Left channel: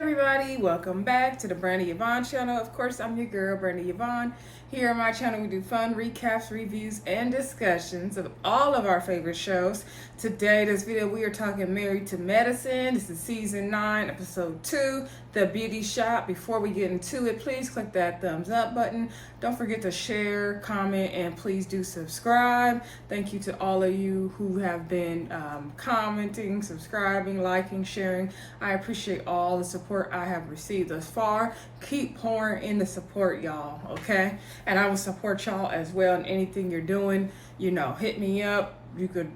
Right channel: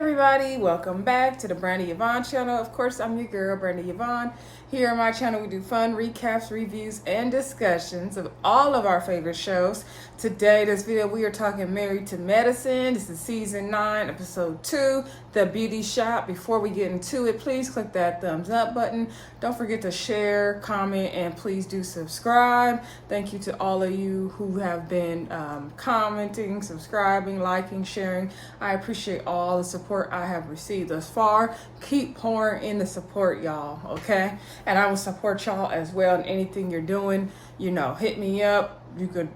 Everybody, welcome back to the Brandy Yvonne channel. Of course, I'm your girl, Brandy Yvonne. Here on my channel, we do fun recaps, reviews, and discussions of all of our favorite shows. Today, this video, we are talking Married to Medicine. This is season 9, episode 2, The Beauty Shop. Before we get into it, please click that thumbs up button. Don't forget to share, comment, and please do subscribe. Thank you to all of you who have been commenting, subscribing, liking, sharing. I appreciate all the support I have received thus far. Keep pouring in the support, y'all, okay? And I will support y'all as well in anything you're doing. You know, hit me up. You could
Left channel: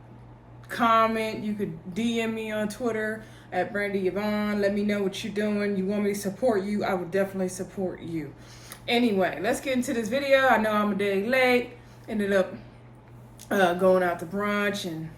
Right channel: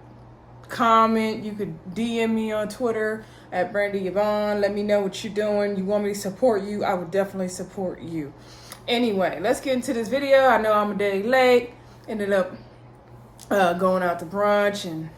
comment. You could DM me on Twitter at Brandy Yvonne. Let me know what you're doing. You want me to support you? I would definitely support you. Anyway, let's get into this video. I know I'm a day late. Ended up going out to brunch and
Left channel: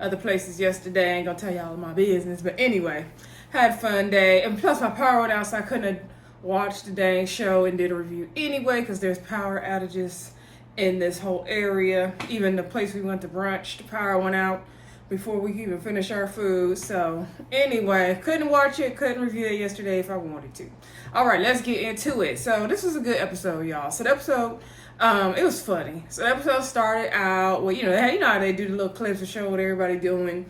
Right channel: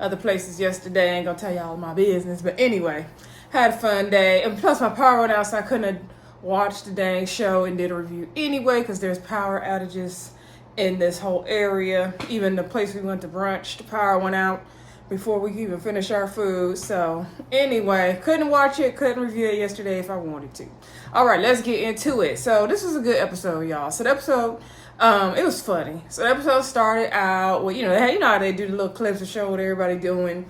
other places yesterday. I ain't gonna tell y'all my business, but anyway, had a fun day. And plus my power went out, so I couldn't watch the dang show and did a review anyway because there's power outages in this whole area. Even the place we went to brunch, the power went out before we could even finish our food. So anyway, couldn't watch it, couldn't review it yesterday if I wanted to. All right, let's get into it. So this was a good episode, y'all. So the episode, it was funny. So the episode started out with, you know how they do the little clips to show what everybody doing.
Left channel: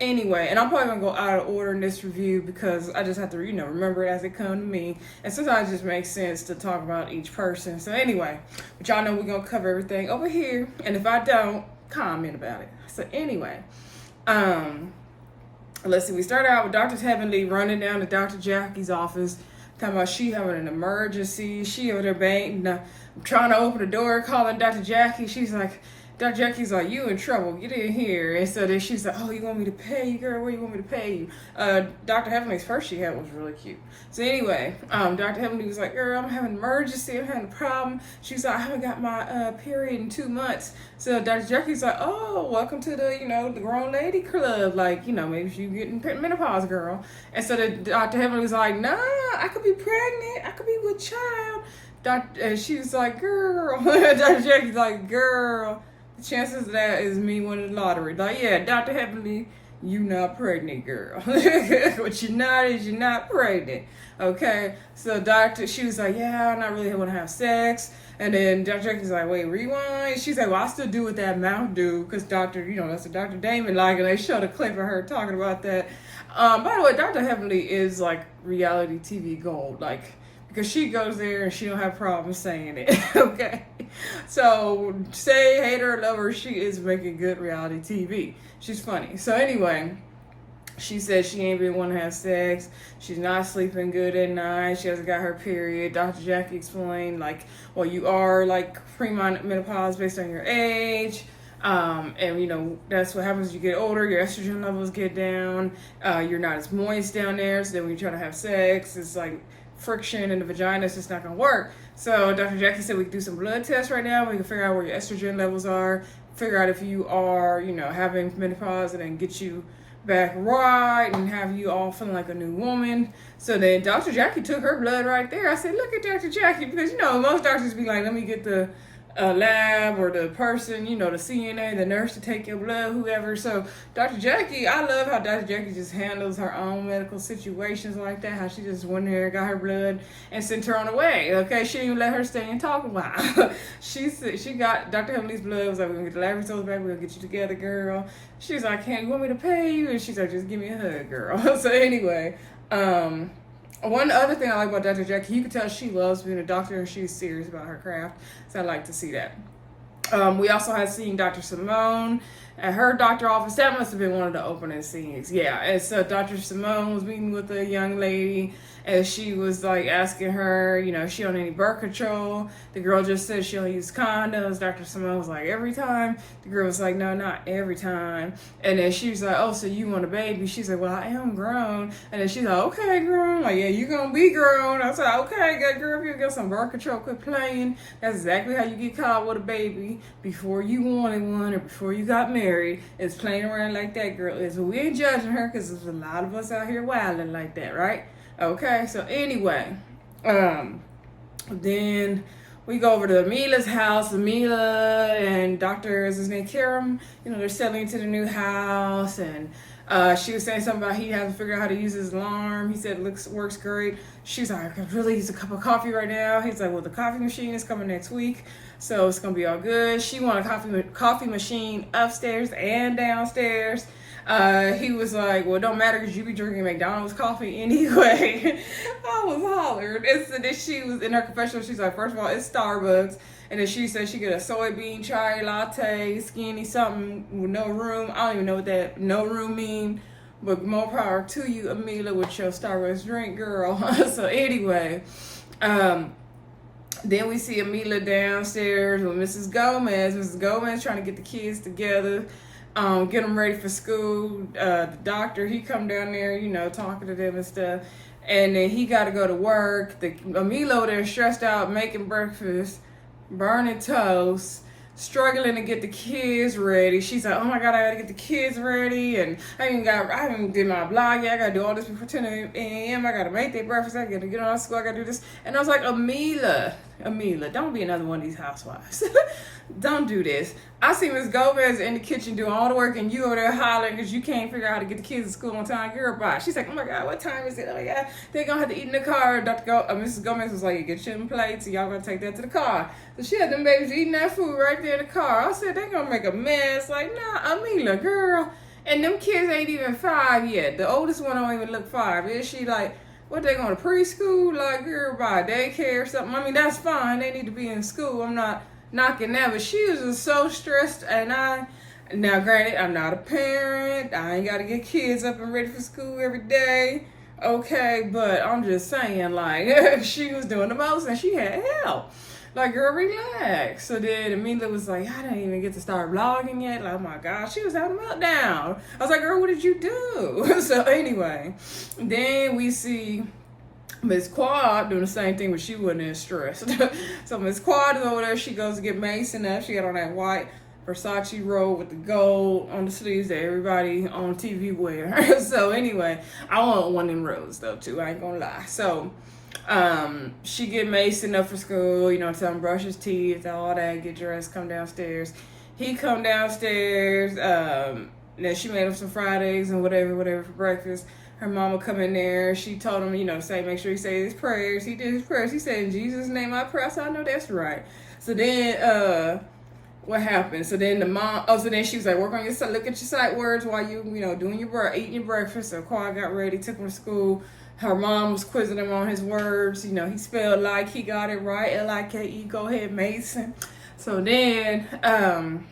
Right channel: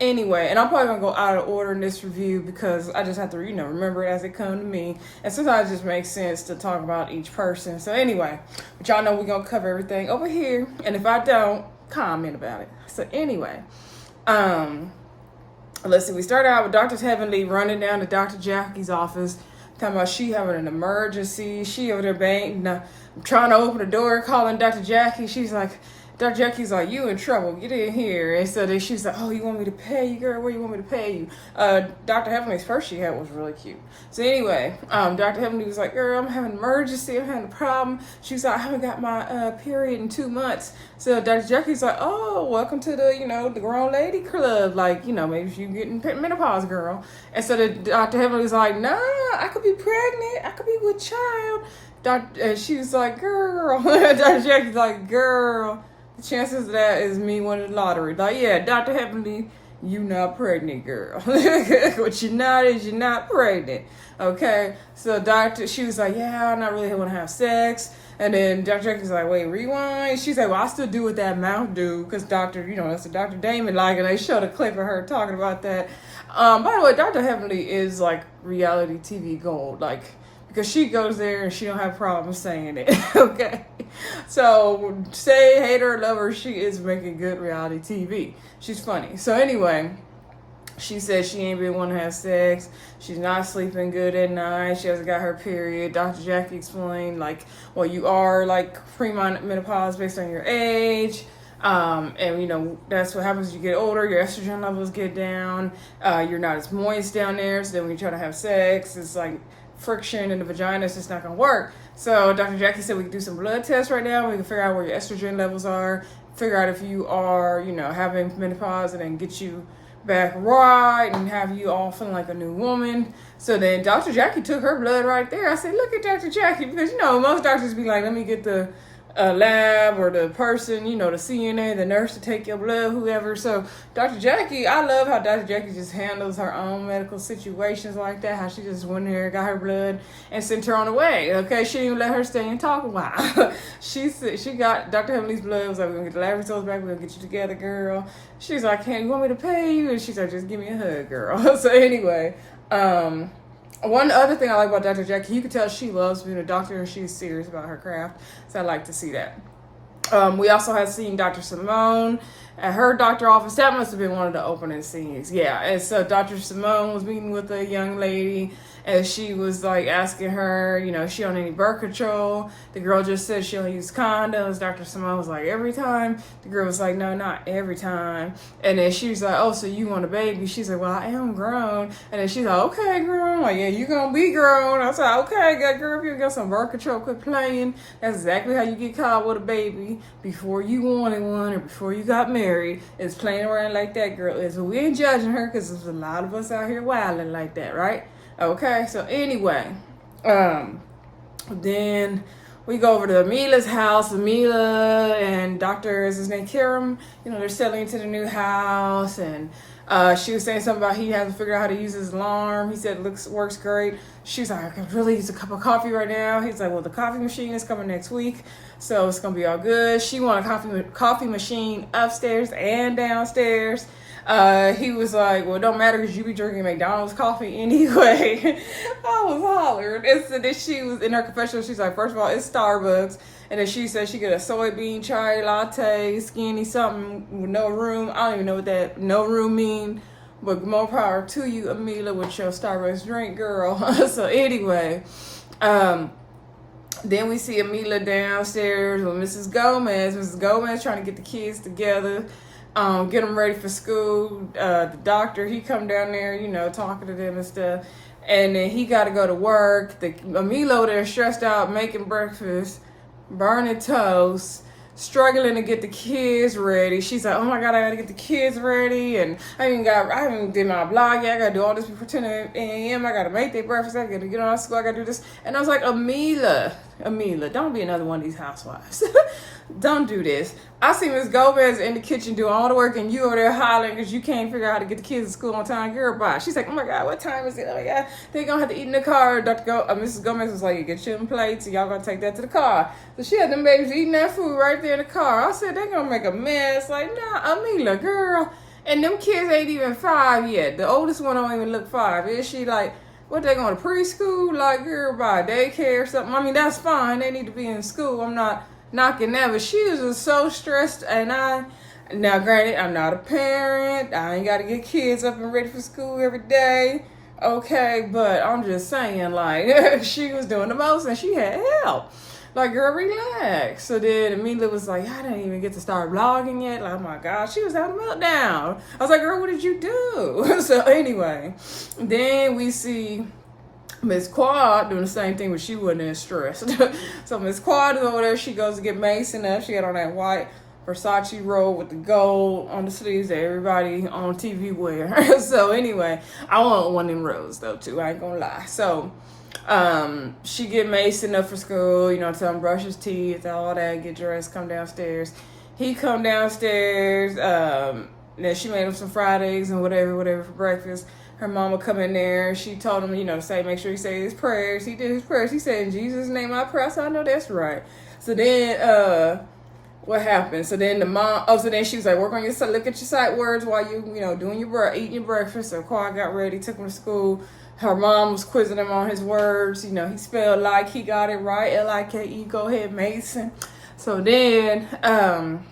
Anyway, and I'm probably gonna go out of order in this review because I just have to, remember it as it come to me. And sometimes it just makes sense to talk about each person. So anyway, but y'all know we're gonna cover everything over here. And if I don't, comment about it. So anyway, let's see. We started out with Dr. Heavenly running down to Dr. Jackie's office, talking about she having an emergency. She over there banging, trying to open the door, calling Dr. Jackie. She's like, Dr. Jackie's like, you in trouble, get in here. And so then she's like, oh, you want me to pay you, girl? What do you want me to pay you? Dr. Heavenly's first she had was really cute. So anyway, Dr. Heavenly was like, girl, I'm having an emergency, I'm having a problem. She's like, I haven't got my period in 2 months. So Dr. Jackie's like, oh, welcome to the, the grown lady club. Like, maybe if you getting menopause, girl. And so Dr. Heavenly was like, nah, I could be pregnant. I could be with child. And she was like, girl. Dr. Jackie's like, girl. Chances of that is me winning the lottery. Like, yeah, Dr. Heavenly, you not pregnant, girl. What you're not is you're not pregnant. Okay? So she was like, yeah, I'm not really want to have sex. And then Dr. Jackie's like, wait, rewind. She's like, well, I still do what that mouth do. Because that's what Dr. Damon like. And they showed a clip of her talking about that. By the way, Dr. Heavenly is like reality TV gold. Like, because she goes there and she don't have problems saying it. Okay? So, say, hate her, love her, she is making good reality TV. She's funny. So anyway, she said she ain't been wanting to have sex. She's not sleeping good at night. She hasn't got her period. Dr. Jackie explained, like, well, you are, like, pre-menopause based on your age. And, that's what happens as you get older. Your estrogen levels get down. You're not as moist down there. So then when you try to have sex, it's like friction in the vagina. It's just not going to work. So Dr. Jackie said we can do some blood tests right now. We can figure out where your estrogen levels are, figure out if you are, having menopause, and then get you back right and have you all feeling like a new woman. So then Dr. Jackie took her blood right there. I said, look at Dr. Jackie, because, most doctors be like, let me get the lab or the person, the CNA, the nurse to take your blood, whoever. So Dr. Jackie, I love how Dr. Jackie just handles her own medical situations like that, how she just went there, got her blood, and sent her on the way. Okay, she didn't even let her stay and talk a while. She got Dr. Heavenly's blood, was like, we're gonna get the lab results back, we're gonna get you together, girl. She's like, you want me to pay you? And she's like, just give me a hug, girl. So anyway, one other thing I like about Dr. Jackie, you can tell she loves being a doctor and she's serious about her craft. So I like to see that. We also had seen Dr. Simone at her doctor office. That must have been one of the opening scenes. Yeah, and so Dr. Simone was meeting with a young lady and she was like asking her, she on any birth control. The girl just said she don't use condoms. Dr. Simone was like, every time? The girl was like, no, not every time. And then she was like, oh, so you want a baby? She's like, well, I am grown. And then she's like, okay, girl. I'm like, yeah, you gonna be grown. I was like, okay, girl, if you got some birth control, quit playing. That's exactly how you get caught with a baby before you wanted one or before you got married. Is playing around like that, girl. Is we ain't judging her because there's a lot of us out here wilding like that, right? Okay, so anyway, then we go over to Amhila's house. Amhila and Dr. is his name, Karam, they're settling into the new house, and she was saying something about he hasn't figured out how to use his alarm. He said it works great. She's like, I can really use a cup of coffee right now. He's like, well, the coffee machine is coming next week, so it's gonna be all good. She wanted a coffee machine upstairs and downstairs. He was like, well, it don't matter because you be drinking McDonald's coffee anyway. I was hollered. And so then she was in her confessional. She's like, first of all, it's Starbucks. And then she said she get a soybean chai latte, skinny something with no room. I don't even know what that no room mean. But more power to you, Amhila, with your Starbucks drink, girl. So anyway, then we see Amhila downstairs with Mrs. Gomez. Mrs. Gomez trying to get the kids together. Get them ready for school. The doctor, he come down there, talking to them and stuff. And then he got to go to work. Amhila over there stressed out, making breakfast, burning toast, struggling to get the kids ready. She's like, oh my God, I got to get the kids ready. And I haven't did my blog yet. I got to do all this before 10 a.m. I got to make their breakfast. I got to get on school. I got to do this. And I was like, Amhila, don't be another one of these housewives. Don't do this. I see Miss Gomez in the kitchen doing all the work and you over there hollering because you can't figure out how to get the kids to school on time. Girl, bye. She's like, oh my God, what time is it? Oh my God, they're going to have to eat in the car. Mrs. Gomez was like, get your plates and y'all going to take that to the car. So she had them babies eating that food right there in the car. I said, they're going to make a mess. Like, nah, Amhila, girl. And them kids ain't even 5 yet. The oldest one don't even look 5. Is she like, what, they going to preschool? Like, girl, bye, daycare or something? I mean, that's fine. They need to be in school. I'm not knocking that, but she was just so stressed. And now granted, I'm not a parent. I ain't got to get kids up and ready for school every day. Okay, but I'm just saying, like, she was doing the most and she had help. Like, girl, relax. So then Amhila was like, I didn't even get to start vlogging yet. Like, oh my God, she was having a meltdown. I was like, girl, what did you do? So anyway, then we see Miss Quad doing the same thing, but she wasn't as stressed. So Miss Quad is over there. She goes to get Mason up. She had on that white Versace robe with the gold on the sleeves that everybody on TV wear. So anyway, I want one of them robes though too. I ain't gonna lie. So she get Mason up for school. Tell him brush his teeth, all that. Get dressed, come downstairs. He come downstairs. Then she made him some fried eggs and whatever for breakfast. Her mama come in there. She told him, make sure he say his prayers. He did his prayers. He said, in Jesus' name I pray. I said, I know that's right. So then, what happened? So then the mom, so then she was like, work on look at your sight words while you, eating your breakfast. So Quad got ready, took him to school. Her mom was quizzing him on his words. He spelled like, he got it right. L-I-K-E, go ahead, Mason. So then,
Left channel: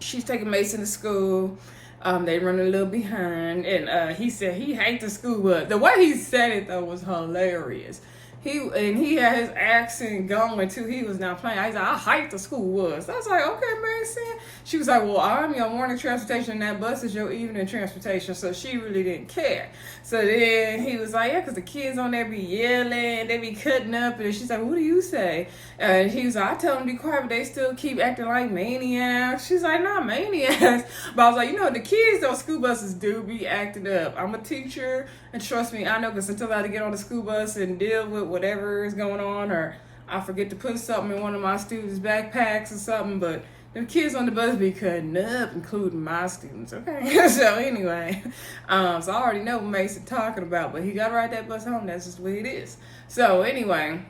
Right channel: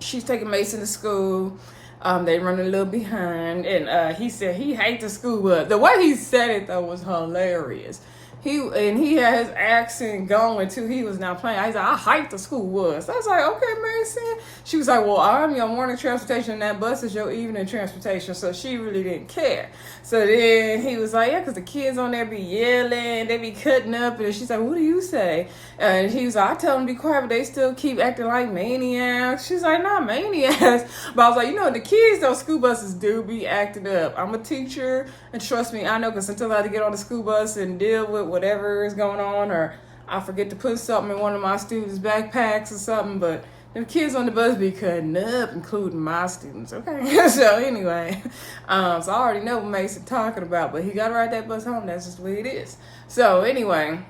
she's taking Mason to school. They run a little behind, and he said he hates the school bus. The way he said it though was hilarious. He had his accent going too. He was not playing. He said, I hate the school bus. I was like, okay, Mason. She was like, well, I'm your morning transportation and that bus is your evening transportation. So she really didn't care. So then he was like, yeah, because the kids on there be yelling, they be cutting up. And she's like, what do you say? And he was like, I tell them to be quiet, but they still keep acting like maniacs. She's like, not maniacs. But I was like, the kids, those school buses do be acting up. I'm a teacher, and trust me, I know, because sometimes I have to get on the school bus and deal with whatever is going on, or I forget to put something in one of my students' backpacks or something, but the kids on the bus be cutting up, including my students, okay? So anyway, so I already know what Mason talking about, but he got to ride that bus home. That's just the way it is. So anyway,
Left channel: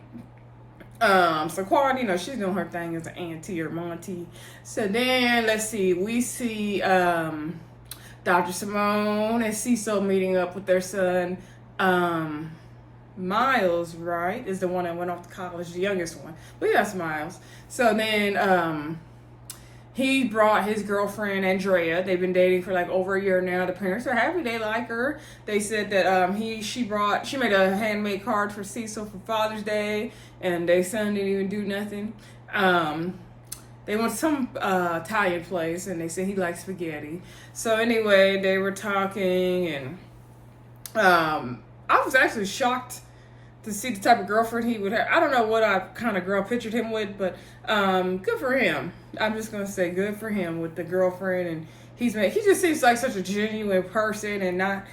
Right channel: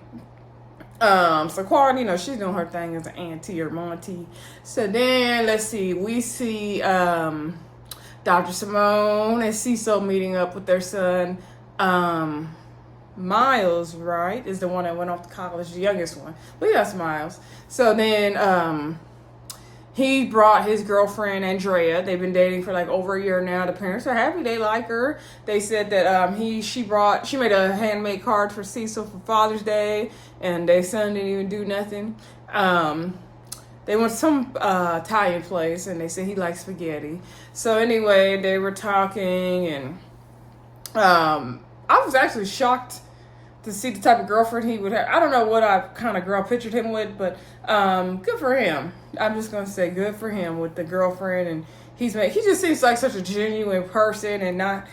so Quad, she's doing her thing as an auntie or Monty. So then, let's see, we see Dr. Simone and Cecil meeting up with their son, Miles, right, is the one that went off to college, the youngest one. But that's Miles. So then he brought his girlfriend, Andrea. They've been dating for like over a year now. The parents are happy. They like her. They said that she made a handmade card for Cecil for Father's Day, and their son didn't even do nothing. They went to some Italian place, and they said he likes spaghetti. So anyway, they were talking, and I was actually shocked to see the type of girlfriend he would have. I don't know what I kind of girl pictured him with, but good for him. I'm just gonna say good for him with the girlfriend, and he just seems like such a genuine person and not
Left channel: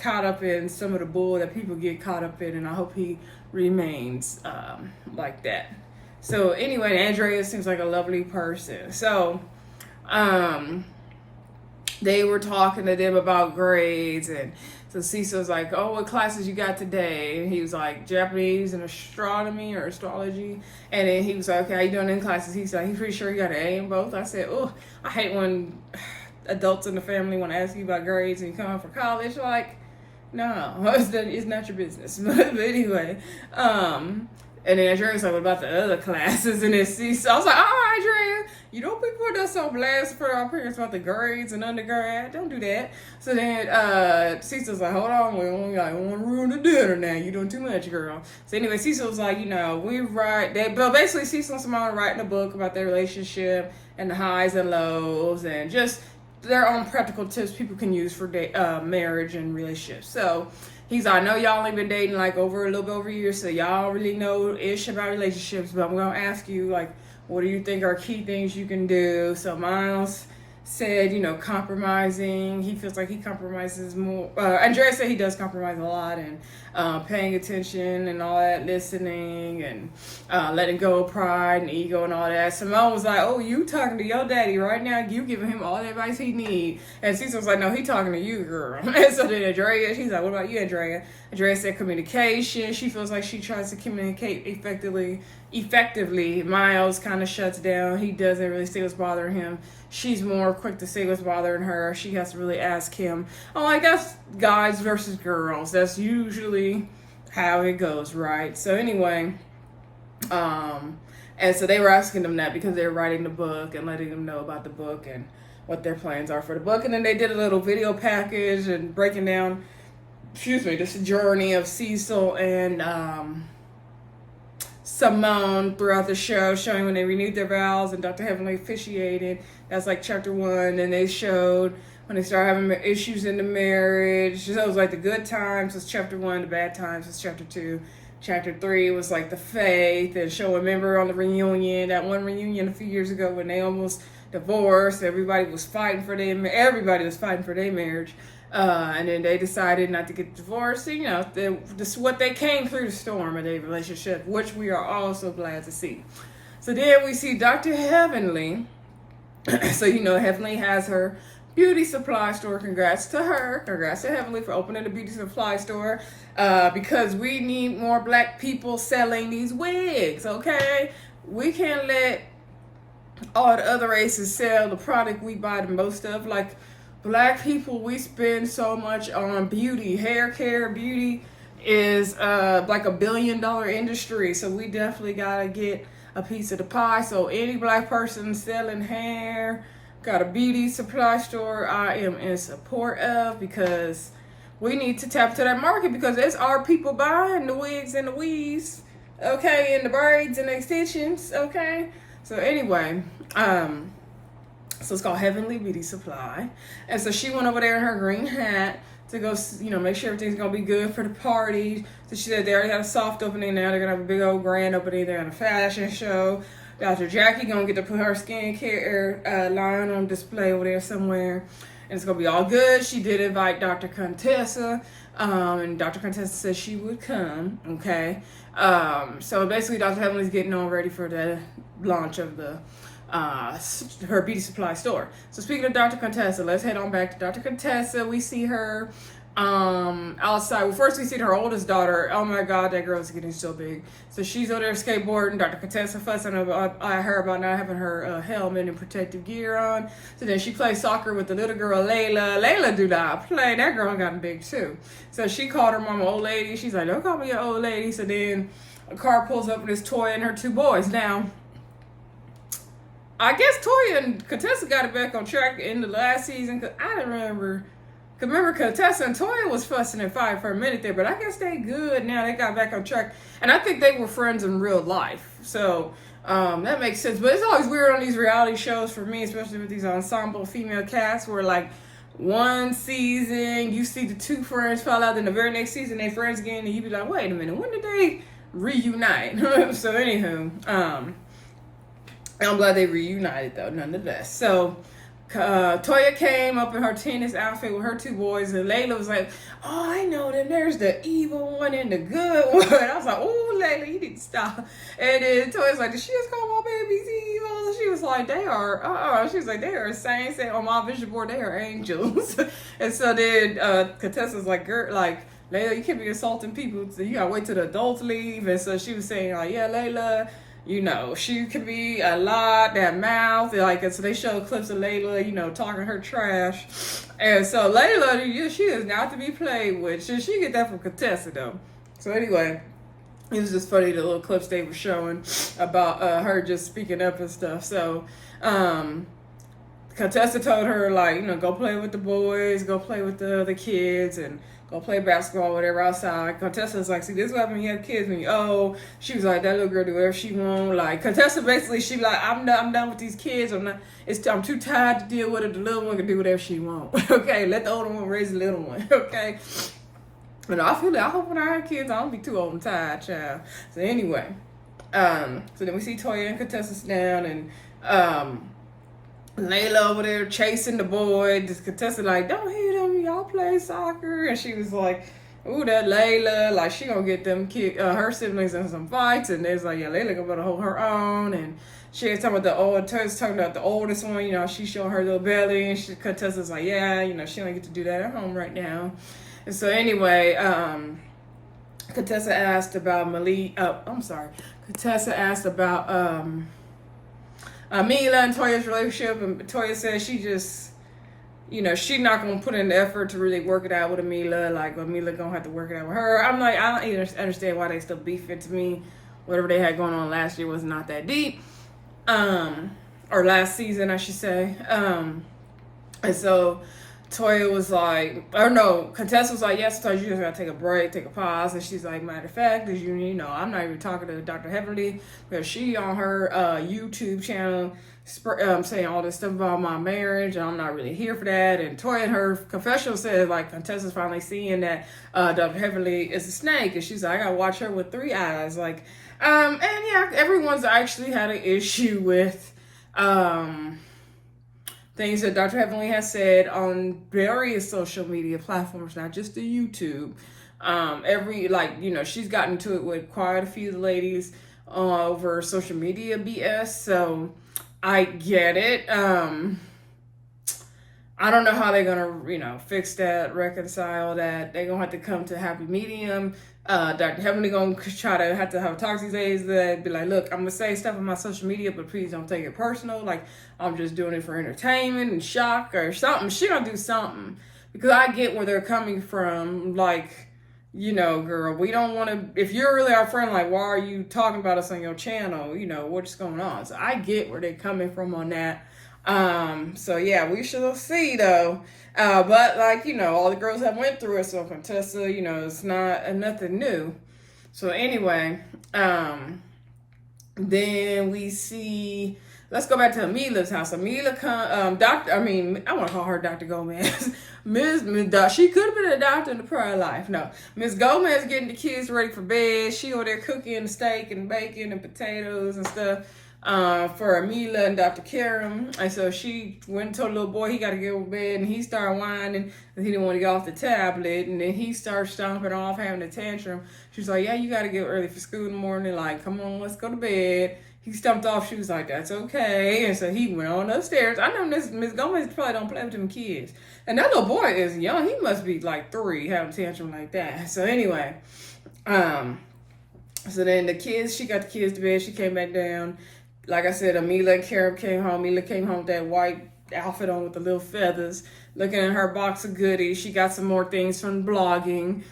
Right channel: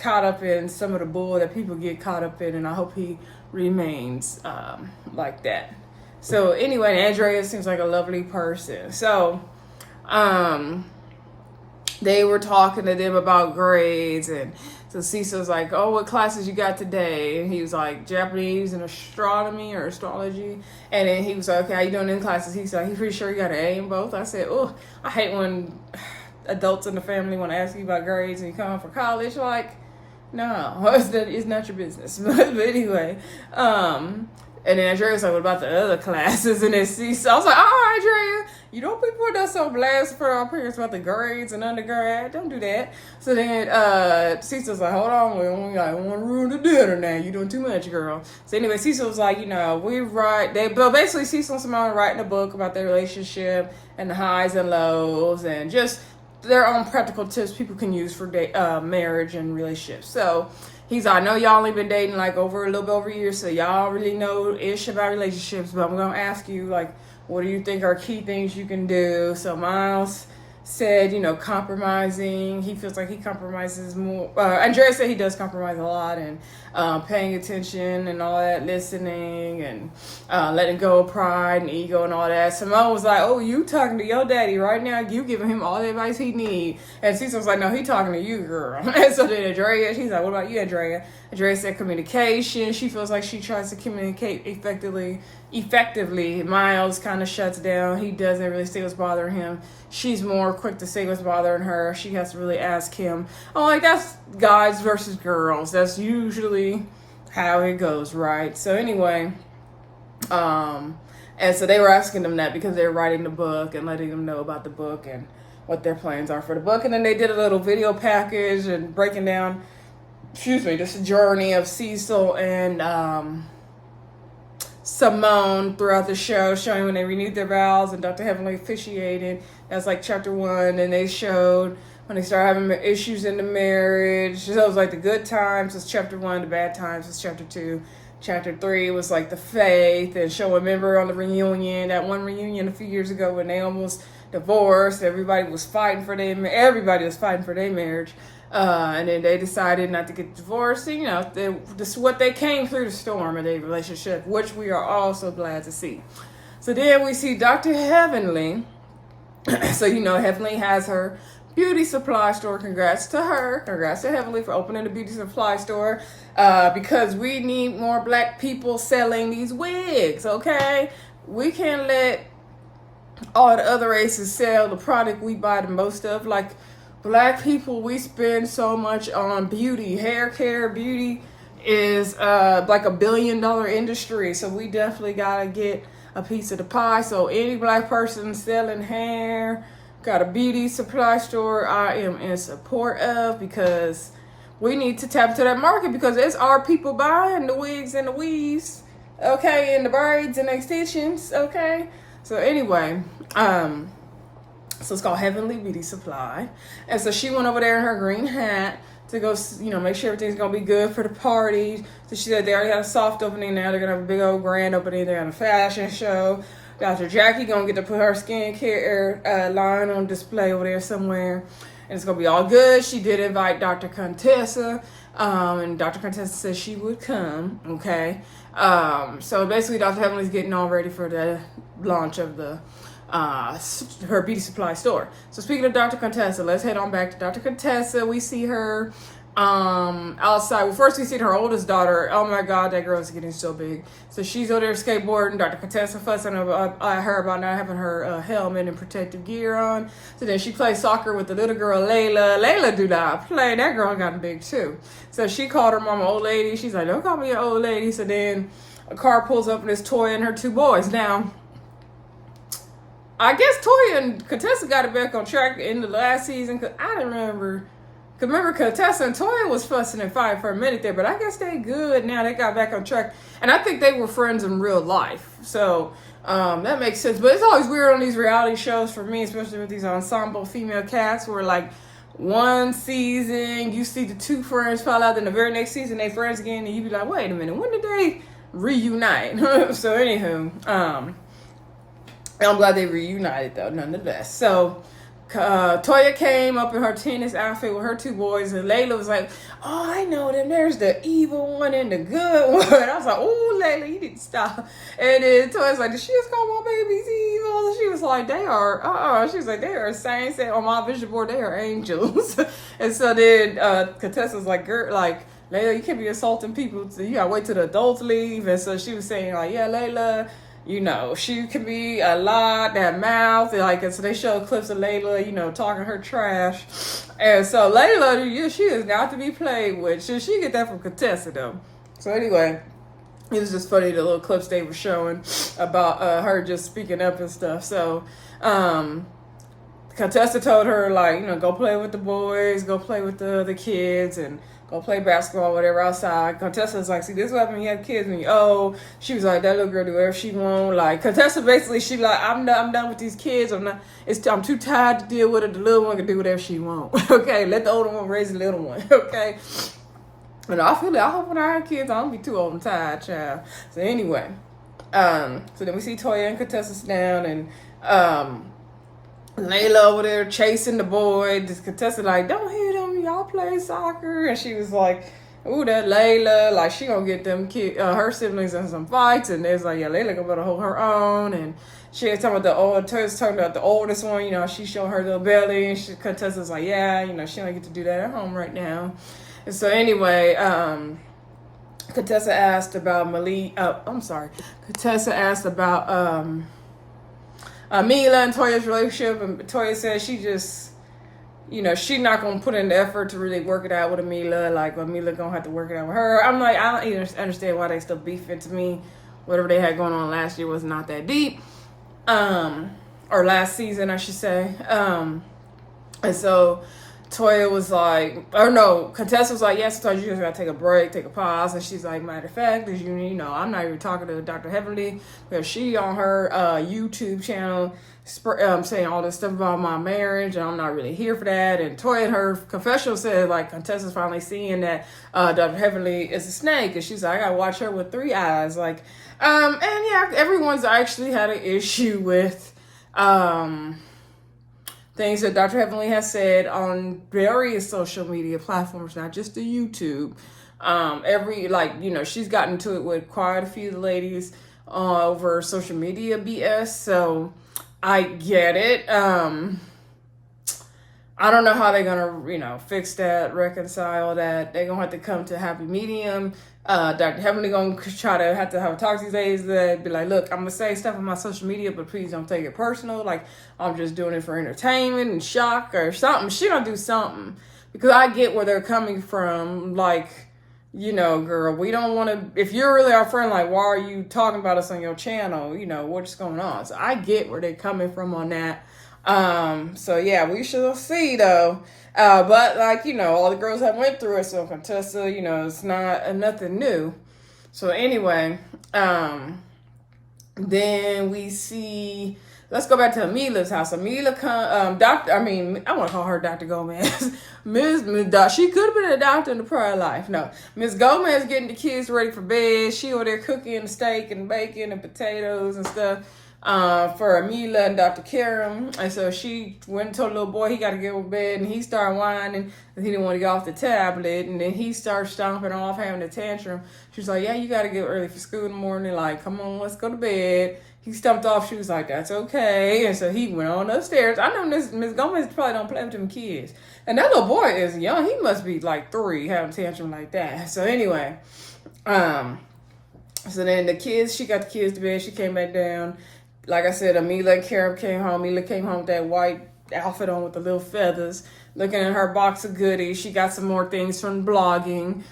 caught up in some of the bull that people get caught up in, and I hope he remains like that. So anyway, Andrea seems like a lovely person. So they were talking to them about grades, and so Cecil's like, oh, what classes you got today? And he was like, Japanese and astronomy or astrology. And then he was like, okay, how you doing in classes? He's like, he's pretty sure you got an A in both. I said, oh, I hate when adults in the family want to ask you about grades and you come for college. Like, no, it's not your business. But anyway, and then Andrea's like, what about the other classes? And then Cecil, I was like, oh, Andrea, you don't be putting us on blast for our parents about the grades and undergrad. Don't do that. So then Cecil's like, hold on, we only got one rule to dinner now. You're doing too much, girl. So anyway, Cecil's like, but basically Cecil and Simone writing a book about their relationship and the highs and lows and just their own practical tips people can use for marriage and relationships. So he's like, I know y'all only been dating like a little bit over a year, so y'all really know ish about relationships, but I'm gonna ask you, like, what do you think are key things you can do? So Miles said, compromising. He feels like he compromises more. Andrea said he does compromise a lot, and paying attention and all that, listening and letting go of pride and ego and all that. Simone was like, oh, you talking to your daddy right now? You giving him all the advice he need. And Cecil was like, no, he talking to you, girl. And so then Andrea, she's like, what about you, Andrea? Andrea said communication. She feels like she tries to communicate effectively. Miles kind of shuts down. He doesn't really say what's bothering him. She's more quick to say what's bothering her. She has to really ask him. Oh, I guess guys versus girls. That's usually how it goes, right? So anyway, and so they were asking them that because they were writing the book and letting them know about the book and what their plans are for the book. And then they did a little video package and breaking down, this journey of Cecil and Simone throughout the show, showing when they renewed their vows and Dr. Heavenly officiated. That's like chapter 1. And they showed when they started having issues in the marriage. So it was like the good times was chapter 1, the bad times was chapter 2. Chapter 3 was like the faith, and remember on the reunion, that one reunion a few years ago when they almost divorced. Everybody was fighting for their marriage. And then they decided not to get divorced. This is what they came through the storm in their relationship, which we are all so glad to see. So then we see Dr. Heavenly. So, Heavenly has her beauty supply store. Congrats to her. Congrats to Heavenly for opening a beauty supply store. Because we need more black people selling these wigs, okay? We can't let all the other races sell the product we buy the most of. Like, black people, we spend so much on beauty. Hair care, beauty is like $1 billion industry. So we definitely gotta get a piece of the pie. So any black person selling hair, got a beauty supply store, I am in support of, because we need to tap into that market, because it's our people buying the wigs and the weaves, okay, and the braids and the extensions, okay? So anyway, so it's called Heavenly Beauty Supply. And so she went over there in her green hat to go, make sure everything's gonna be good for the party. So she said they already got a soft opening now. They're gonna have a big old grand opening. They're on a fashion show. Dr. Jackie gonna get to put her skincare line on display over there somewhere. And it's gonna be all good. She did invite Dr. Contessa. And Dr. Contessa said she would come, okay? So basically Dr. Heavenly's getting all ready for the launch of her beauty supply store. So speaking of Dr. Contessa, let's head on back to Dr. Contessa. We see her outside. Well, first we see her oldest daughter. Oh my God, that girl's getting so big. So she's over there skateboarding. Dr. Contessa fussing about her about not having her helmet and protective gear on. So then she plays soccer with the little girl Layla. Layla do not play. That girl gotten big too. So she called her mama old lady. She's like, don't call me an old lady. So then a car pulls up and it's Toya and her 2 boys. Now, I guess Toya and Contessa got it back on track in the last season, because I didn't remember. Because remember, Contessa and Toya was fussing and fighting for a minute there, but I guess they good now. They got back on track. And I think they were friends in real life. So that makes sense. But it's always weird on these reality shows for me, especially with these ensemble female casts, where like one season you see the 2 friends fall out, then the very next season they friends again, and you be like, wait a minute, when did they reunite? So anywho, I'm glad they reunited though, nonetheless. So Toya came up in her tennis outfit with her 2 boys, and Layla was like, oh, I know them. There's the evil one and the good one. I was like, oh, Layla, you need to stop. And then Toya's like, did she just call my babies evil? And she was like, they are, she was like, they are saints. On my vision board, they are angels. And so then Contessa was like, girl, like, Layla, you can't be assaulting people. So you gotta wait till the adults leave. And so she was saying, like, yeah, Layla, you know, she can be a lot, that mouth, and like, so they show clips of Layla, you know, talking her trash. And so Layla, she is not to be played with. She get that from Contessa, though. So anyway, it was just funny, the little clips they were showing about her just speaking up and stuff. So Contessa told her, like, you know, go play with the boys, go play with the kids, and go play basketball, whatever, outside. Contessa's like, see, this is what happens when you have kids when you old. She was like, that little girl do whatever she want. Like, Contessa basically, she like, I'm done with these kids. I'm too tired to deal with it. The little one can do whatever she want. Okay, let the older one raise the little one. Okay. But I hope when I have kids, I don't be too old and tired, child. So anyway, so then we see Toya and Contessa down, and Layla over there chasing the boy. This Contessa like, don't hit him, y'all play soccer. And she was like, ooh, that Layla, like, she gonna get them her siblings in some fights. And it's like, yeah, Layla gonna better hold her own. And she was talking about talking about the oldest one, you know, she showing her little belly. And Contessa's like, yeah, you know, she don't get to do that at home right now. And so anyway, Contessa asked about Contessa asked about Amhila and Toya's relationship, and Toya said she just, you know, she's not gonna put in the effort to really work it out with Amhila. Like, Amhila gonna have to work it out with her. I'm like, I don't even understand why they still beefing. To me, whatever they had going on last year was not that deep, or last season, I should say. And so Toya was like, or no, Contessa was like, yes, Toya, you just gotta take a break, take a pause. And she's like, matter of fact, you know, I'm not even talking to Dr. Heavenly because she on her YouTube channel saying all this stuff about my marriage, and I'm not really here for that. And Toya in her confessional said, like, Contessa's finally seeing that Dr. Heavenly is a snake, and she's like, I gotta watch her with 3 eyes. Like, and yeah, everyone's actually had an issue with things that Dr. Heavenly has said on various social media platforms, not just the YouTube. She's gotten to it with quite a few ladies over social media BS. So I get it. I don't know how they're gonna, you know, fix that, reconcile that. They're gonna have to come to a happy medium. Dr. Heavenly gonna try to have a talk to these ladies that be like, look, I'm gonna say stuff on my social media, but please don't take it personal. Like, I'm just doing it for entertainment and shock or something. She gonna do something, because I get where they're coming from. Like, you know, girl, we don't want to, if you're really our friend, like, why are you talking about us on your channel? You know, what's going on? So I get where they're coming from on that. So yeah, we shall see though. But like, you know, all the girls have went through it. So Contessa, you know, it's not nothing new. So anyway, then we see, let's go back to Amelia's house. Amelia I want to call her Dr. Gomez. She could have been a doctor in the prior life. No, Miss Gomez getting the kids ready for bed. She over there cooking steak and bacon and potatoes and stuff for Amelia and Dr. Karam. And so she went and told the little boy he got to get to bed, and he started whining and he didn't want to get off the tablet. And then he started stomping off, having a tantrum. She's like, yeah, you got to get early for school in the morning. Like, come on, let's go to bed. He stumped off. She was like, that's okay. And so he went on upstairs. I know Miss Gomez probably don't play with them kids. And that little boy is young. He must be like 3, having a tantrum like that. So anyway, so then the kids, she got the kids to bed. She came back down. Like I said, Amelia and Karam came home. Amelia came home with that white outfit on with the little feathers, looking at her box of goodies. She got some more things from blogging.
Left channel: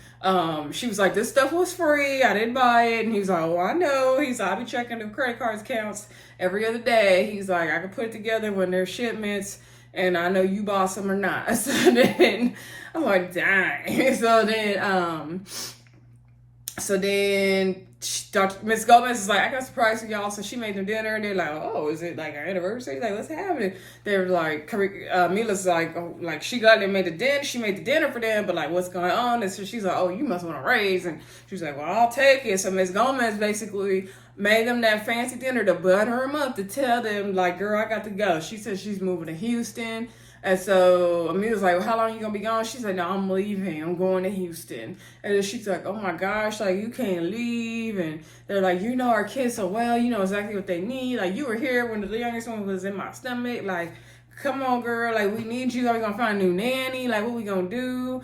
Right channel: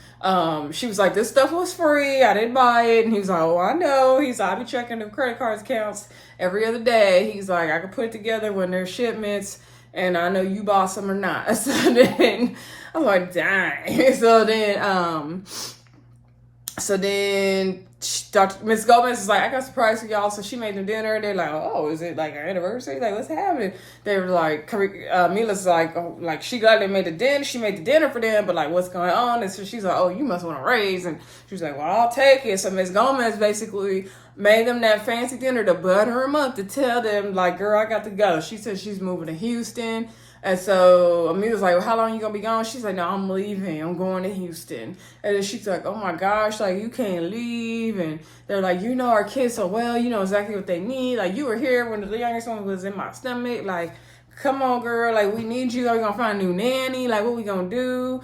She was like, this stuff was free. I didn't buy it. And he's like, oh, I know. He's like, I be checking the credit cards counts every other day. He's like, I can put it together when there's shipments, and I know you bought some or not. So then I'm like, dang. So then Miss Gomez was like, I got a surprise for y'all. So she made them dinner, and they're like, oh, is it like our anniversary? Like, what's happening? They were like, Mila's like, oh, like, she got them made the dinner. She made the dinner for them, but like, what's going on? And so she's like, oh, you must want to raise. And she was like, well, I'll take it. So Miss Gomez basically made them that fancy dinner to butter them up, to tell them, like, girl, I got to go. She said she's moving to Houston. And so Amelia was like, well, how long you gonna be gone? She's like, no, I'm leaving. I'm going to Houston. And then she's like, oh my gosh, like, you can't leave. And they're like, you know our kids so well, you know exactly what they need. Like, you were here when the youngest one was in my stomach. Like, come on, girl. Like, we need you. Are we gonna find a new nanny? Like, what we gonna do?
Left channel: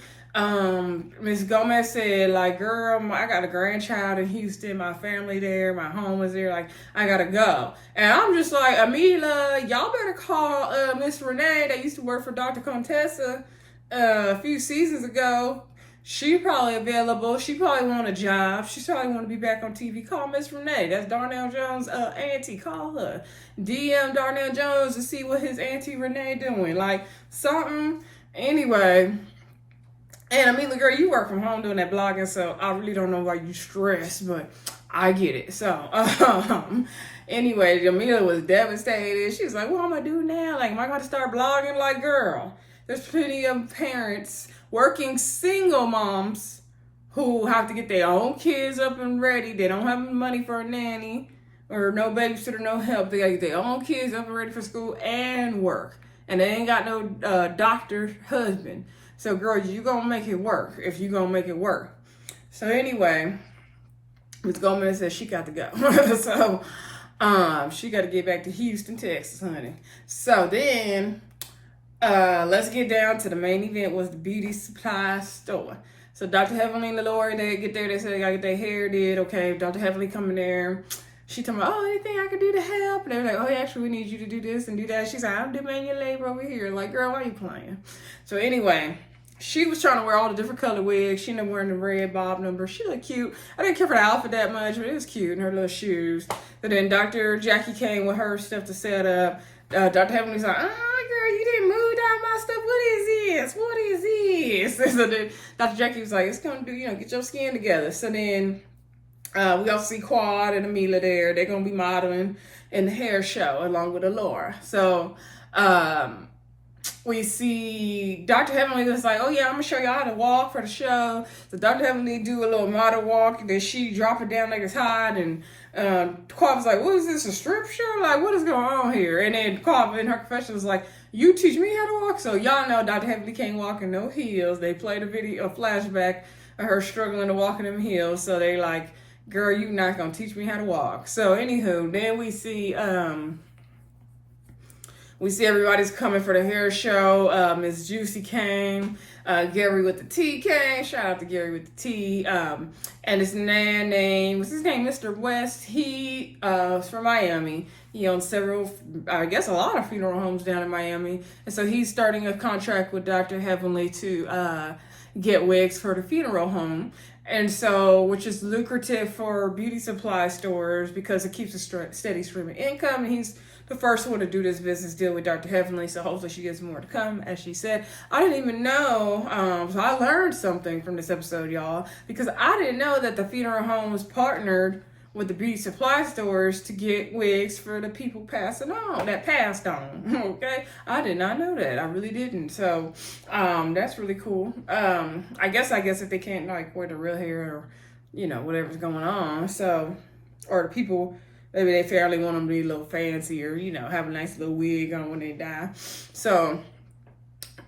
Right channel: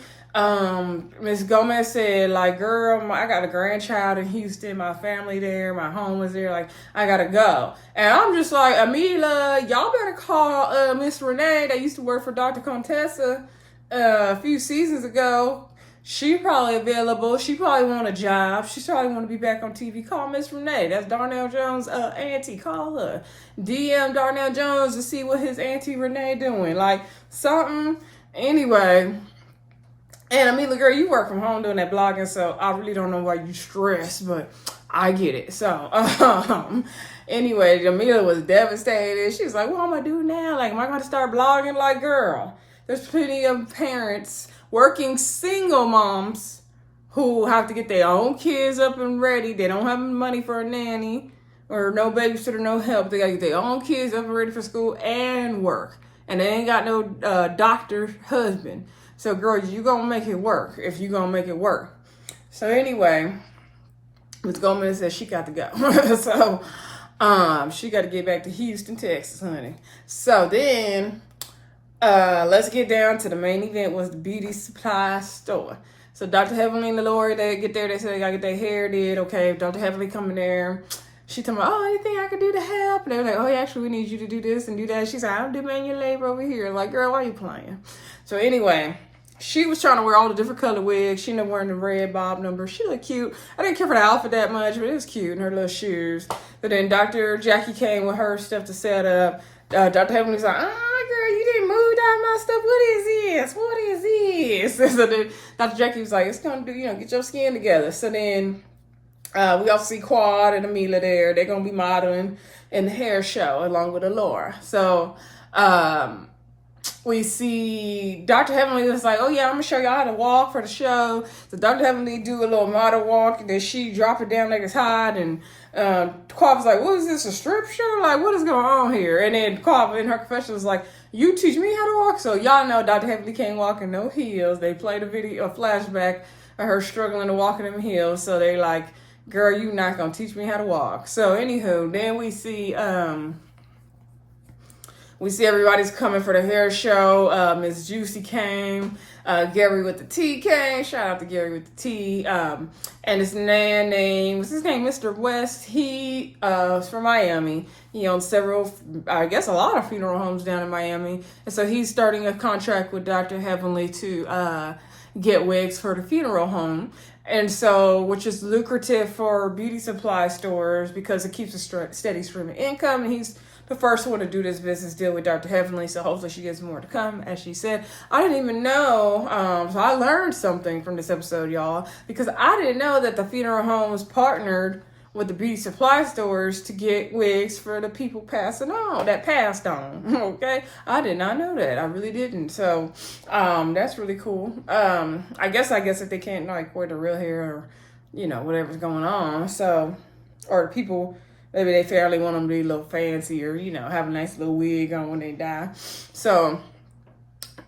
Miss Gomez said, like, girl, I got a grandchild in Houston, my family there, my home is there, like, I gotta go. And I'm just like, Amhila, y'all better call Miss Renee that used to work for Dr. Contessa a few seasons ago. She probably available. She probably want a job. She probably want to be back on TV. Call Miss Renee. That's Darnell Jones' auntie. Call her. DM Darnell Jones to see what his auntie Renee doing. Like, something. Anyway. And Amelia, girl, you work from home doing that blogging, so I really don't know why you stress, but I get it. So, anyway, Amelia was devastated. She was like, what am I doing now? Like, am I going to start blogging? Like, girl, there's plenty of parents, working single moms, who have to get their own kids up and ready. They don't have money for a nanny or no babysitter, no help. They got to get their own kids up and ready for school and work. And they ain't got no doctor husband. So, girl, you gonna make it work if you gonna make it work. So, anyway, Ms. Gomez said she got to go. So, she got to get back to Houston, Texas, honey. So, then, let's get down to the main event was the beauty supply store. So, Dr. Heavenly and the Lord, they get there. They said they got to get their hair did. Okay, Dr. Heavenly coming there. She told me, oh, anything I could do to help? And they were like, oh, yeah, actually, we need you to do this and do that. She's like, I'm doing manual labor over here. Like, girl, why are you playing? So, anyway, she was trying to wear all the different color wigs. She ended up wearing the red bob number. She looked cute. I didn't care for the outfit that much, but it was cute in her little shoes. But then Dr. Jackie came with her stuff to set up. Dr. Heavenly's like, girl, you didn't move down my stuff. What is this? What is this? So then Dr. Jackie was like, it's going to do, get your skin together. So then we also see Quad and Amhila there. They're going to be modeling in the hair show along with Laura. So, we see Dr. Heavenly is like, oh yeah, I'm gonna show y'all how to walk for the show. So Dr. Heavenly do a little model walk, and then she drop it down like it's hot, and Quav was like, what is this, a strip show? Like, what is going on here? And then Quav in her confession was like, you teach me how to walk? So y'all know Dr. Heavenly can't walk in no heels. They played a flashback of her struggling to walk in them heels. So they like, girl, you not gonna teach me how to walk. So anywho, then we see everybody's coming for the hair show. Miss Juicy came. Gary with the T came. Shout out to Gary with the T. And this man named, what's his name? Mr. West. He is from Miami. He owns several, I guess a lot of funeral homes down in Miami. And so he's starting a contract with Dr. Heavenly to get wigs for the funeral home. And so, which is lucrative for beauty supply stores because it keeps a steady stream of income. And he's the first one to do this business deal with Dr. Heavenly, so hopefully she gets more to come, as she said. I didn't even know, so I learned something from this episode, y'all, because I didn't know that the funeral homes partnered with the beauty supply stores to get wigs for the people passed on, okay? I did not know that. I really didn't. So, that's really cool. I guess if they can't, like, wear the real hair or, whatever's going on, so, or the people, maybe they fairly want them to be a little fancy or, have a nice little wig on when they die. So,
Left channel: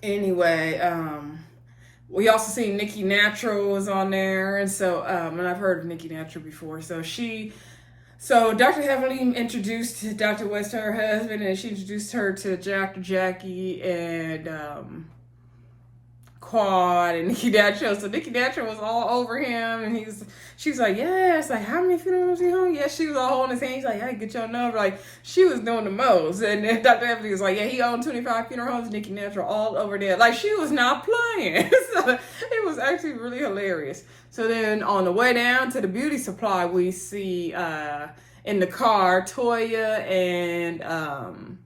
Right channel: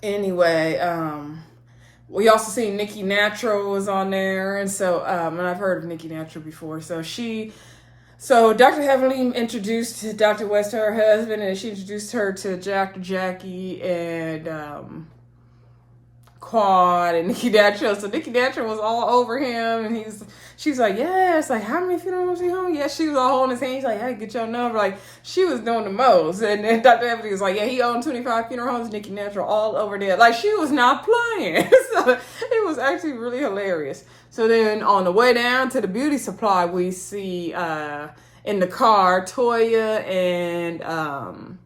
anyway, we also see Nikki Natural was on there. And so, and I've heard of Nikki Natural before. So Dr. Heavenly introduced Dr. West to her husband, and she introduced her to Dr. Jackie and Quad and Nikki Natural. So Nikki Natural was all over him, and she was like, yes, like, how many funerals you home? Yes, she was all holding his hand. He's like, hey, get your number. Like, she was doing the most. And then Dr. Heavenly was like, yeah, he owned 25 funeral homes, Nikki Natural, all over there. Like, she was not playing. So it was actually really hilarious. So then on the way down to the beauty supply, we see in the car, Toya and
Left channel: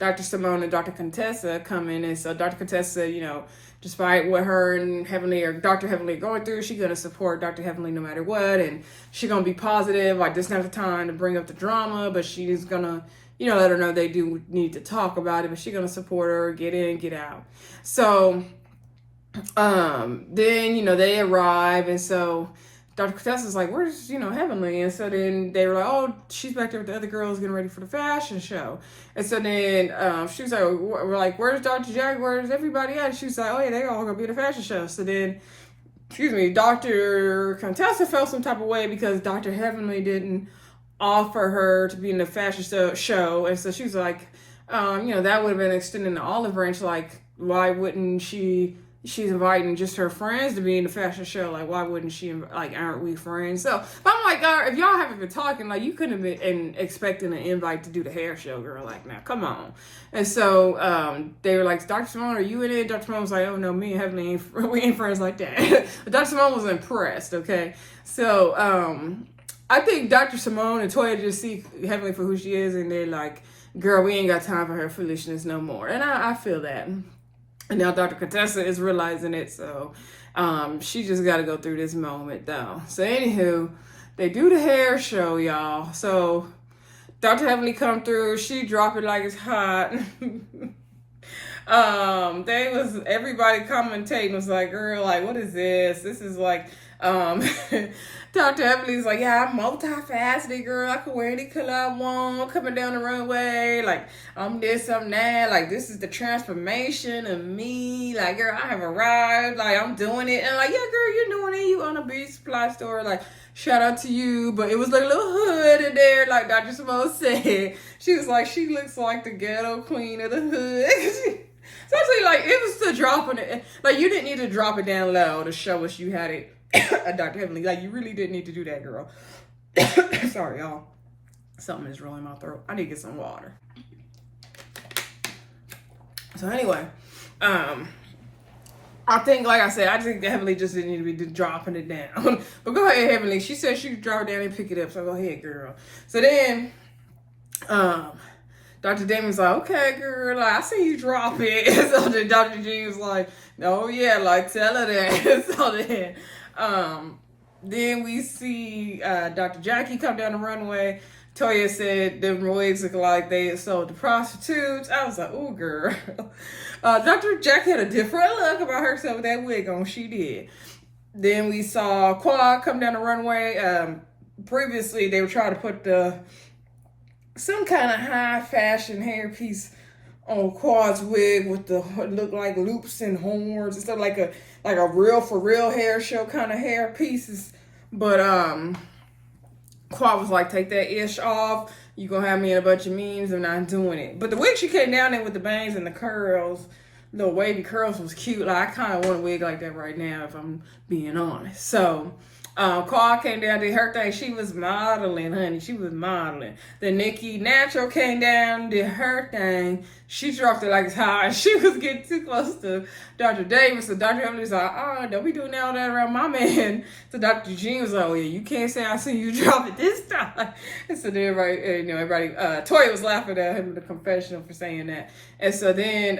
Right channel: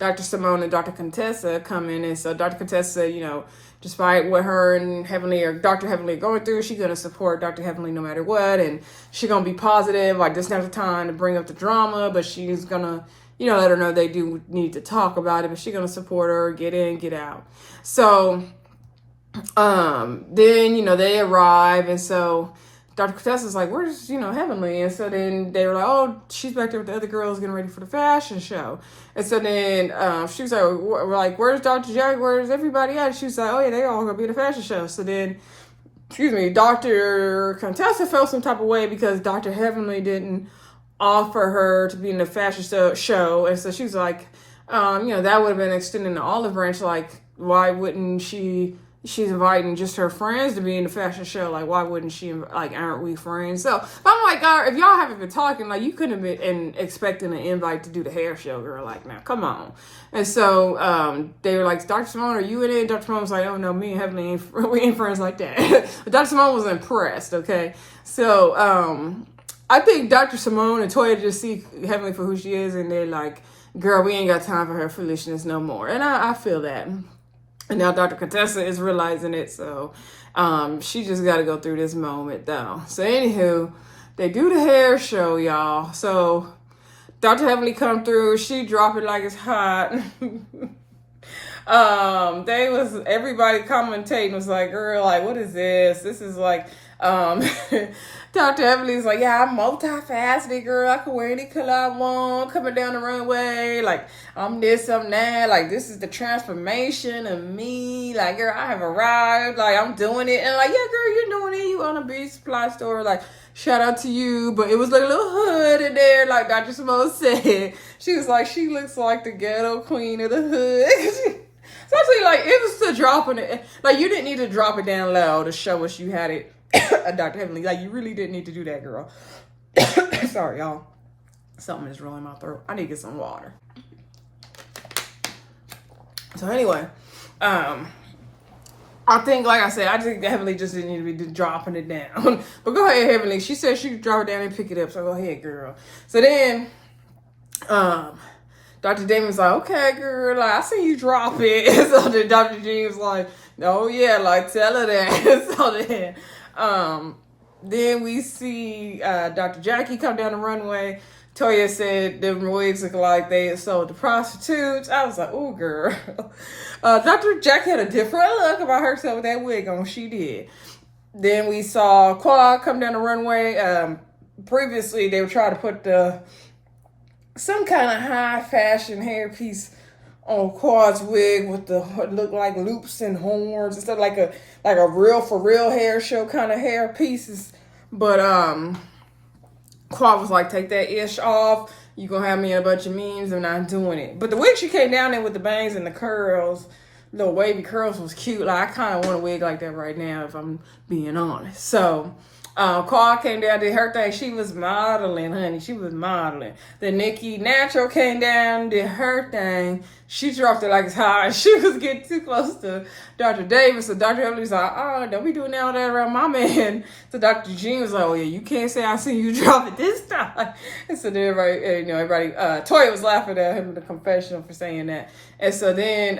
Dr. Simone and Dr. Contessa come in. And so Dr. Contessa, despite what her and Heavenly or Dr. Heavenly are going through, she's going to support Dr. Heavenly no matter what. And she's going to be positive. Like, this now's the time to bring up the drama, but she's going to, let her know they do need to talk about it, but she's going to support her, get in, get out. So, then, they arrive. And so Dr. Contessa's like, where's, Heavenly? And so then they were like, oh, she's back there with the other girls getting ready for the fashion show. And so then she was like, we're like, where's Dr. Jack? Where's everybody at? She was like, oh, yeah, they all going to be at the fashion show. So then, Dr. Contessa felt some type of way because Dr. Heavenly didn't offer her to be in the fashion show. And so she was like, that would have been extending the olive branch. Like, why wouldn't she's inviting just her friends to be in the fashion show. Like, why wouldn't she, like, aren't we friends? So I'm like, if y'all haven't been talking, like, you couldn't have been expecting an invite to do the hair show, girl. Like, now, come on. And so they were like, Dr. Simone, are you in it? Dr. Simone was like, oh, no, me and Heavenly, we ain't friends like that. But Dr. Simone was impressed, okay? So I think Dr. Simone and Toya just see Heavenly for who she is, and they're like, girl, we ain't got time for her foolishness no more. And I feel that. And now Dr. Contessa is realizing it, so she just got to go through this moment, though. So, anywho, they do the hair show, y'all. So, Dr. Heavenly come through. She drop it like it's hot. Everybody commentating was like, girl, like, what is this? This is like, Dr. Heavenly was like, yeah, I'm multifaceted, girl. I can wear any color I want, coming down the runway. Like, I'm this, I'm that. Like, this is the transformation of me. Like, girl, I have arrived. Like, I'm doing it. And like, yeah, girl, you're doing it. You on a beauty supply store. Like, shout out to you. But it was like a little hood in there, like Dr. Simone said. She was like, she looks like the ghetto queen of the hood. Especially, like, it was still dropping it. Like, you didn't need to drop it down low to show us you had it. Dr. Heavenly, like, you really didn't need to do that, girl. Sorry, y'all. Something is rolling my throat. I need to get some water. So anyway, I think, like I said, I think Heavenly just didn't need to be dropping it down. But go ahead, Heavenly. She said she could drop it down and pick it up. So go ahead, girl. So then, Dr. Damon's like, okay, girl, like, I see you drop it. So then Dr. Jean was like, oh yeah, like, tell her that. So then we see Dr. Jackie come down the runway. Toya said the wigs look like they had sold to prostitutes. I was like, oh, girl. Dr. Jackie had a different look about herself with that wig on. She did. Then we saw Quad come down the runway. Previously, they were trying to put some kind of high fashion hairpiece on Quad's wig with the look like loops and horns and stuff, like a real for real hair show kind of hair pieces. But Quad was like, take that ish off. You gonna have me in a bunch of memes. I'm not doing it. But the wig she came down in with the bangs and the curls, little wavy curls, was cute. Like, I kind of want a wig like that right now, if I'm being honest. So Quad came down, did her thing. She was modeling, honey. She was modeling. Then Nikki Natural came down, did her thing. She dropped it like it's hot. She was getting too close to Dr. Davis. So Dr. Emily was like, oh, don't be doing all that around my man. So Dr. Jean was like, oh, yeah, you can't say I seen you drop it this time. And so then everybody, Toya was laughing at him in the confessional for saying that. And so then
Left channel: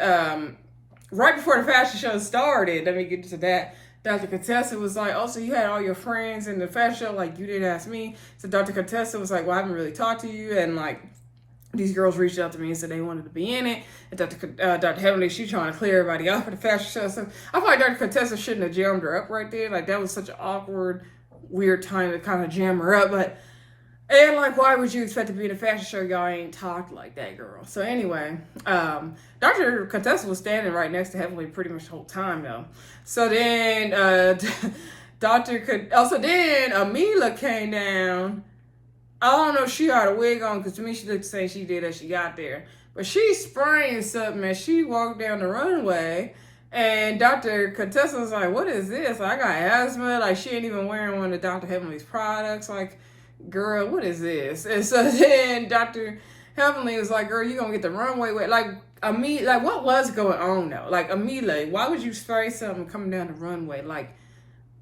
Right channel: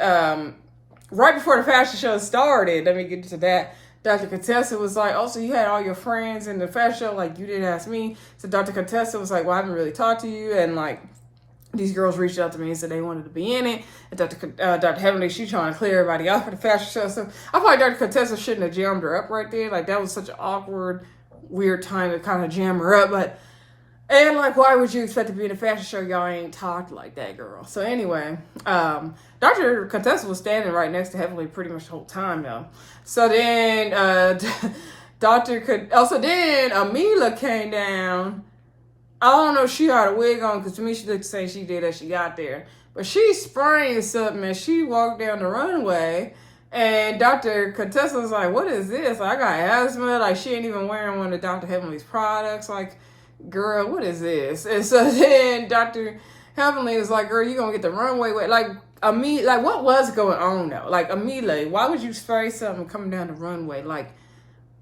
right before the fashion show started, let me get to that, Dr. Contessa was like, oh, so you had all your friends in the fashion show? Like, you didn't ask me. So Dr. Contessa was like, well, I haven't really talked to you. And, like, these girls reached out to me and said they wanted to be in it. And Dr. Heavenly, she's trying to clear everybody off for the fashion show. So I feel like Dr. Contessa shouldn't have jammed her up right there. Like, that was such an awkward, weird time to kind of jam her up. And, like, why would you expect to be in a fashion show? Y'all ain't talked like that, girl. So anyway, Dr. Contessa was standing right next to Heavenly pretty much the whole time, though. So then, then Amhila came down. I don't know if she had a wig on, because to me she looked the same she did as she got there. But she spraying something and she walked down the runway. And Dr. Contessa was like, what is this? Like, I got asthma. Like, she ain't even wearing one of Dr. Heavenly's products. Like, girl, what is this? And so then Dr. Heavenly was like, girl, you gonna get the runway wet. Like, what was going on, though? Like, Amelia, why would you spray something coming down the runway? Like,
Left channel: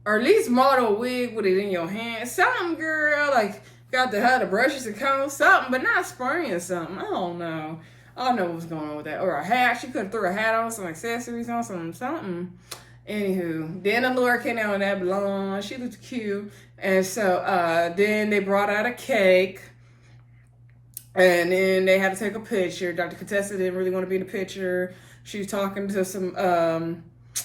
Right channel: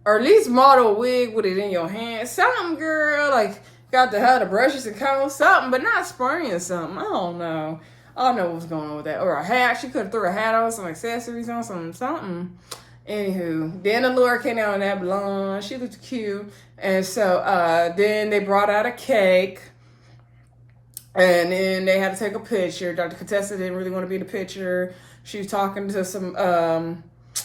or at least model a wig with it in your hand. Something, girl. Like, got to have the brushes and combs, something, but not spraying something. I don't know. I don't know what's going on with that. Or a hat. She could have threw a hat on, some accessories on, something. Anywho, then Allura came out in that blonde. She looked cute. And so then they brought out a cake. And then they had to take a picture. Dr. Contessa didn't really want to be in the picture. She was talking to some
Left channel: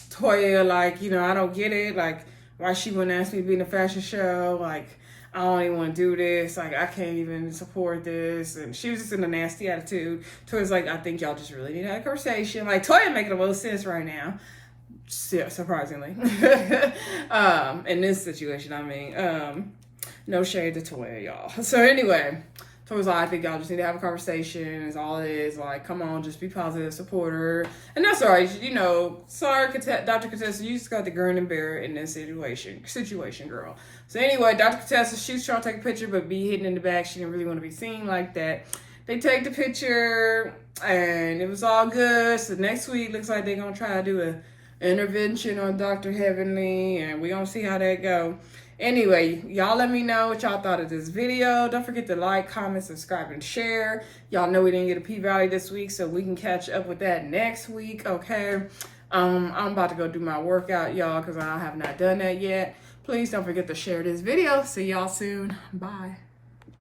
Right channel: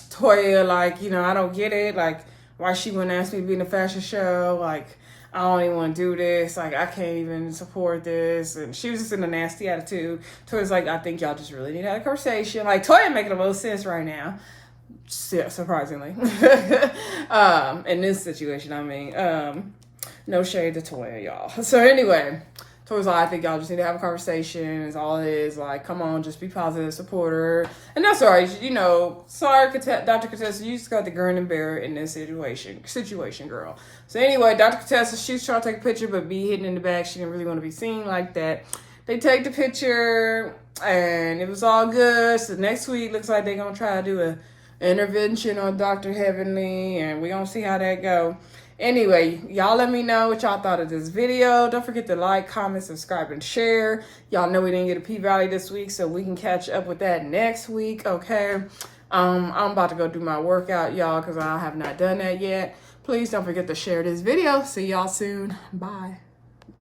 Toya, like, I don't get it. Like, why she wouldn't ask me to be in a fashion show. Like, I don't even want to do this. Like, I can't even support this. And she was just in a nasty attitude. Toya's like, I think y'all just really need to have a conversation. Like, Toya making a little sense right now. Surprisingly. In this situation, I mean, no shade to Toya, y'all. So anyway, Toya's like, I think y'all just need to have a conversation. Is all it is. Like, come on, just be positive, support her. And that's all right. You know, sorry, Dr. Contessa, you just got the grin and bear it in this situation, girl. So anyway, Dr. Contessa, she's trying to take a picture, but be hidden in the back. She didn't really want to be seen like that. They take the picture, and it was all good. So next week, looks like they're going to try to do an intervention on Dr. Heavenly, and we're going to see how that go. Anyway, y'all let me know what y'all thought of this video. Don't forget to like, comment, subscribe, and share. Y'all know we didn't get a P-Valley this week, so we can catch up with that next week, okay? I'm about to go do my workout, y'all, because I have not done that yet. Please don't forget to share this video. See y'all soon. Bye.